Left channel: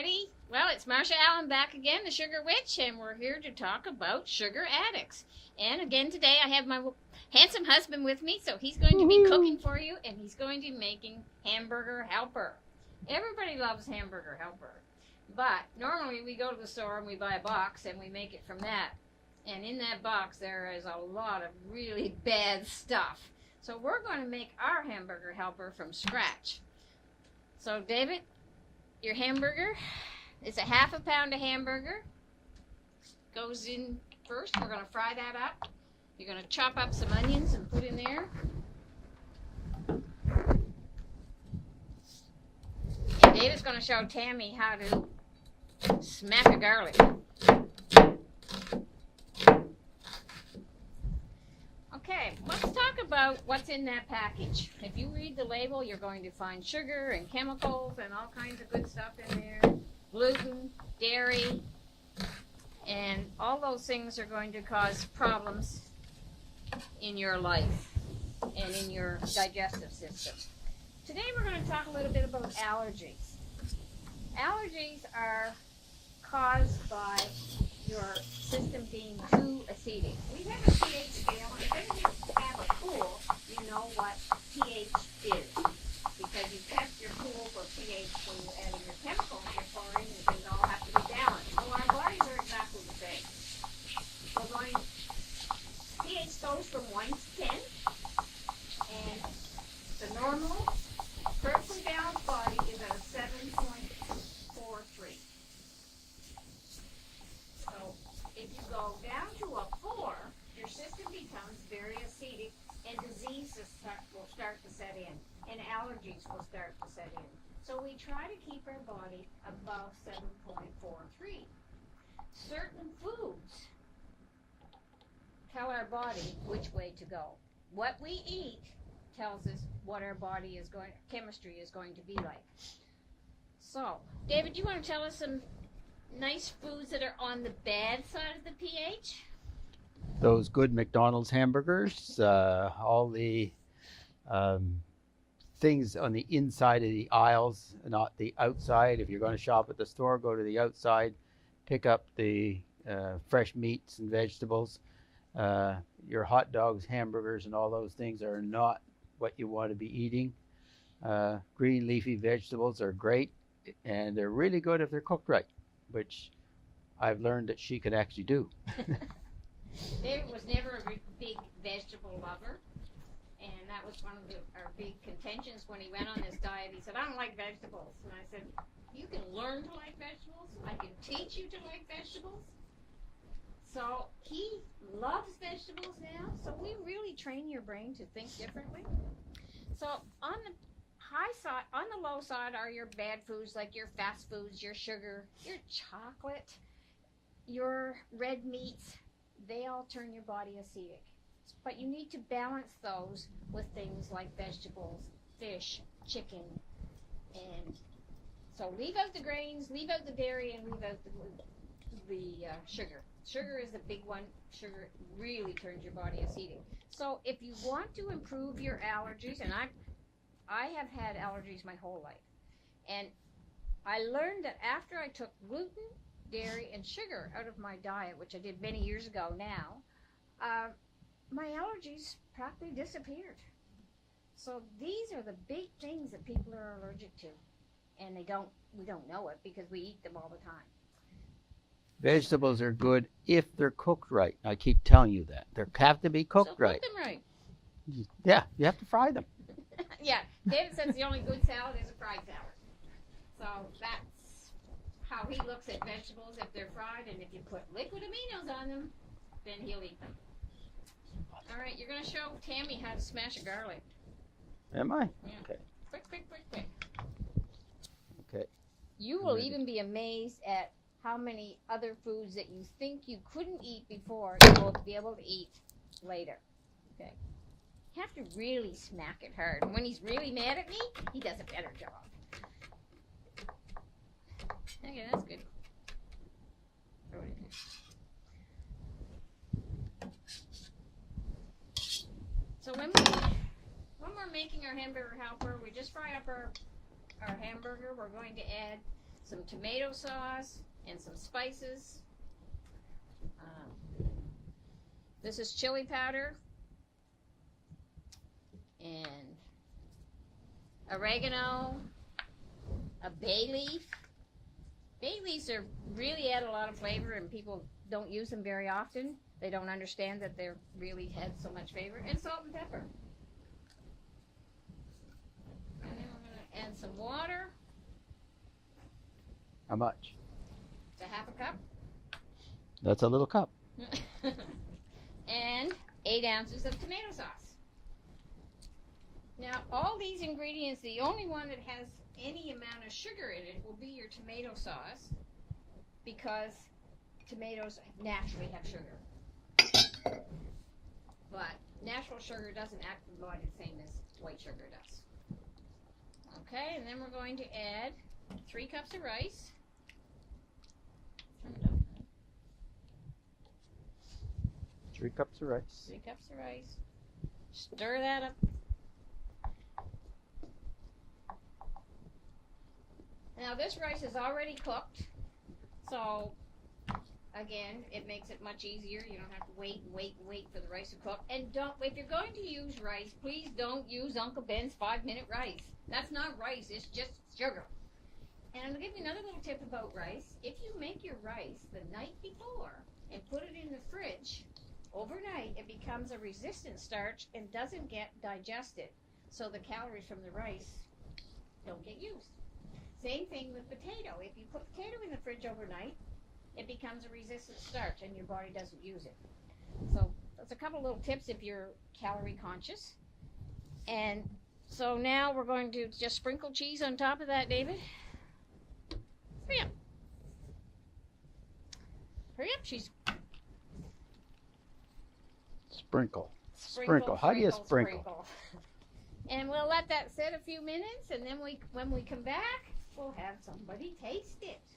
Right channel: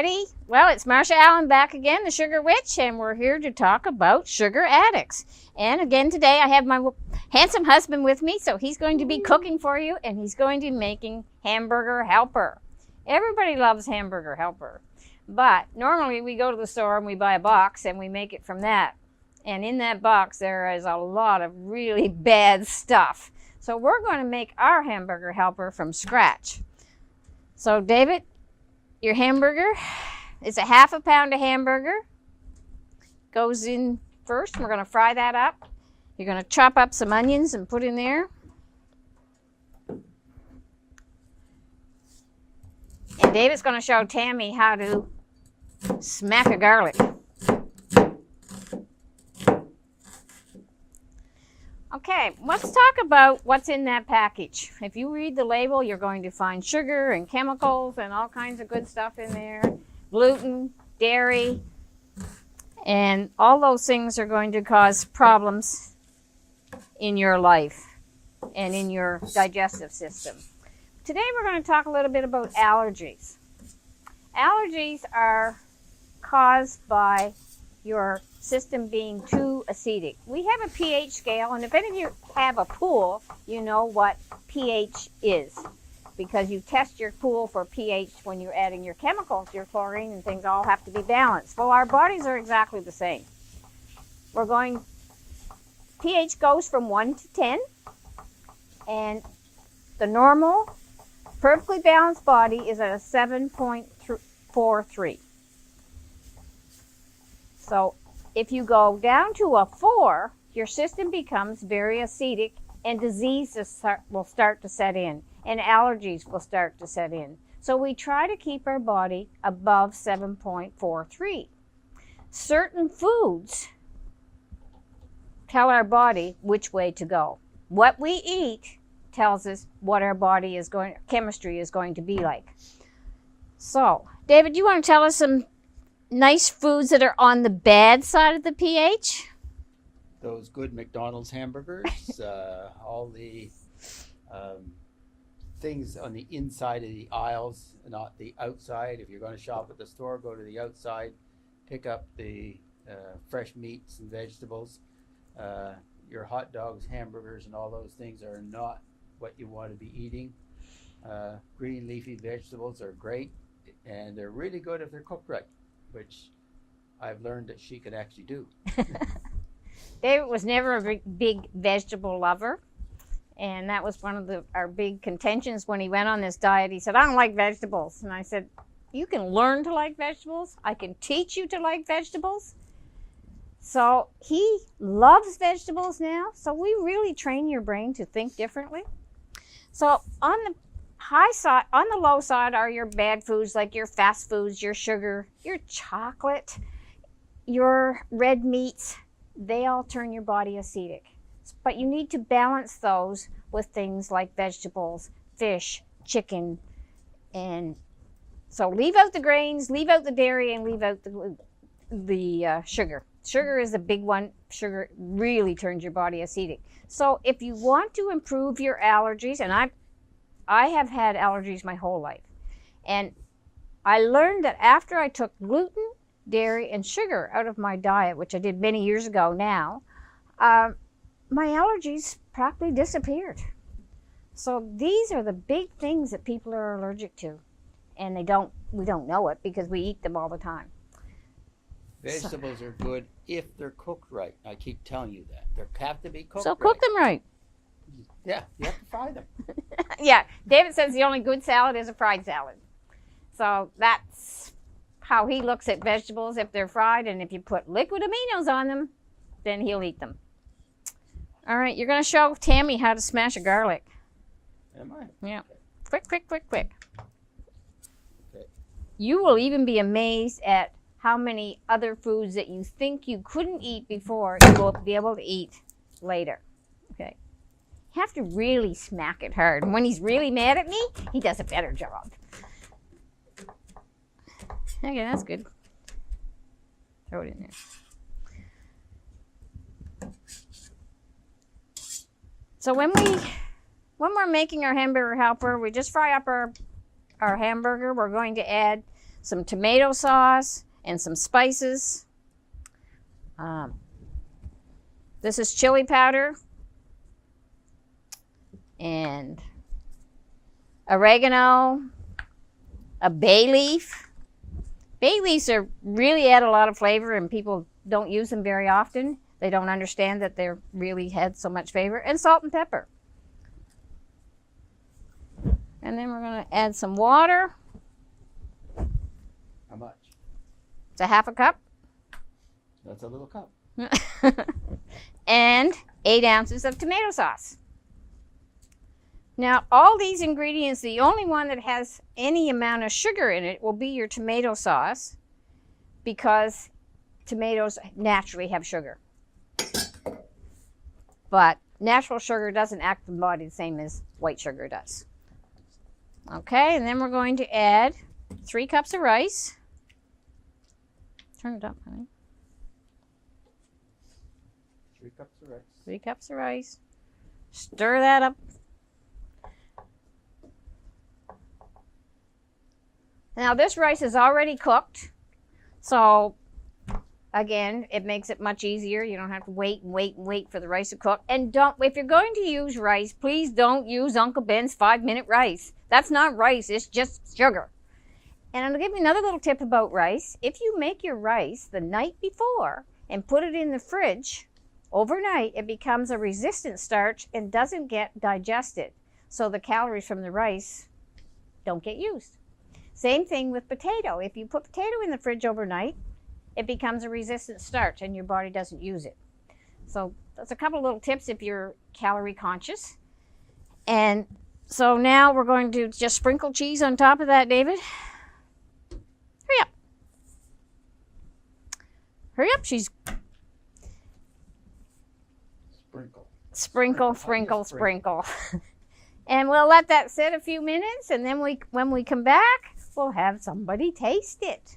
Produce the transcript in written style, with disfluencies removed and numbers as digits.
everybody. Well, it's Marsha Allen back again, the Sugar Witch, and we're here to talk about sugar addicts. And again today I have my handsome husband with me, so he's going to be cooking for you, and he's going to be making Hamburger Helper. Everybody loves Hamburger Helper, but normally we go to the store and we buy a box and we make it from that. And in that box there is a lot of really bad stuff. So we're going to make our Hamburger Helper from scratch. So David, your hamburger is a half a pound of hamburger. Goes in first. We're going to fry that up. You're going to chop up some onions and put in there. And David's going to show Tammy how to smack a garlic. Okay, let's talk about what's in that package. If you read the label, you're going to find sugar and chemicals and all kinds of good stuff in there. Gluten, dairy, and all those things are going to cause problems in your life and in your digestive system. Today we're going to talk a little bit about allergies. Allergies are caused by your system being too acidic. We have a pH scale, and if any of you have a pool, you know what pH is, because you test your pool for pH when you're adding your chemicals, your chlorine and things all have to be balanced. Well, our bodies are exactly the same. pH goes from 1 to 10, and the normal, perfectly balanced body is at a 7.43. So if you go down to a 4, your system becomes very acidic and disease will start to set in and allergies will start to set in. So we try to keep our body above 7.43. Certain foods tell our body which way to go. What we eat tells us what our body is chemistry is going to be like. So, David, you want to tell us some nice foods that are on the bad side of the pH? Those good McDonald's hamburgers, all the things on the inside of the aisles, not the outside. If you're going to shop at the store, go to the outside, pick up the fresh meats and vegetables. Your hot dogs, hamburgers, and all those things are not what you want to be eating. Green leafy vegetables are great, and they're really good if they're cooked right, which I've learned that she can actually do. David was never a big vegetable lover, and that was one of our big contentions when he went on this diet. He said, I don't like vegetables. And I said, you can learn to like vegetables. I can teach you to like vegetables. So he loves vegetables now. So we really train your brain to think differently. So on the high side, on the low side are your bad foods, like your fast foods, your sugar, your chocolate, your red meats. They all turn your body acidic. But you need to balance those with things like vegetables, fish, chicken, and so leave out the grains, leave out the dairy, and leave out the sugar. Sugar is the big one. Sugar really turns your body acidic. So if you want to improve your allergies, and I have had allergies my whole life. And I learned that after I took gluten, dairy, and sugar out of my diet, which I did many years ago now, my allergies practically disappeared. So these are the big things that people are allergic to. And we don't know it because we eat them all the time. Vegetables are good if they're cooked right. I keep telling you that. They have to be cooked right. So cook them right. Yeah, you have to fry them. Yeah, David says the only good salad is a fried salad. So that's how he looks at vegetables, if they're fried, and if you put liquid aminos on them, then he'll eat them. All right, you're going to show Tammy how to smash a garlic. Am I? Yeah. Okay. Quick, quick, quick, quick. Okay. You will even be amazed at how many other foods that you think you couldn't eat before you will be able to eat later. Okay. You have to really smack it hard. And when he's really mad at me, he does a better job. Okay, that's good. Throw it in there. So when we're making our hamburger helper, we just fry up our hamburger. We're going to add some tomato sauce, and some spices. This is chili powder and oregano, a bay leaf. Bay leaves are really add a lot of flavor, and people don't use them very often. They don't understand that they're really had so much flavor. And salt and pepper. And then we're going to add some water. How much? It's a half a cup. That's a little cup. And 8 ounces of tomato sauce. Now, all these ingredients, the only one that has any amount of sugar in it will be your tomato sauce, because tomatoes naturally have sugar. But natural sugar doesn't act in the body the same as white sugar does. Okay, and then we're going to add 3 cups of rice. Turn it up, honey. 3 cups of rice. 3 cups of rice. Stir that up. Now this rice is already cooked, so again, it makes it much easier. You don't have to wait and wait and wait for the rice to cook. And if you're going to use rice, please don't use Uncle Ben's 5-minute rice. That's not rice, it's just sugar. And I'll give you another little tip about rice. If you make your rice the night before and put it in the fridge overnight, it becomes a resistant starch and doesn't get digested. So the calories from the rice don't get used. Same thing with potato. If you put potato in the fridge overnight, it becomes a resistant starch and your body doesn't use it. So that's a couple of little tips if you're calorie conscious. And so now we're going to just sprinkle cheese on top of that, David. Hurry up. Hurry up, she's... Sprinkle. Sprinkle, sprinkle, sprinkle. And we'll let that sit a few minutes, and then when we come back, we'll have somebody taste it.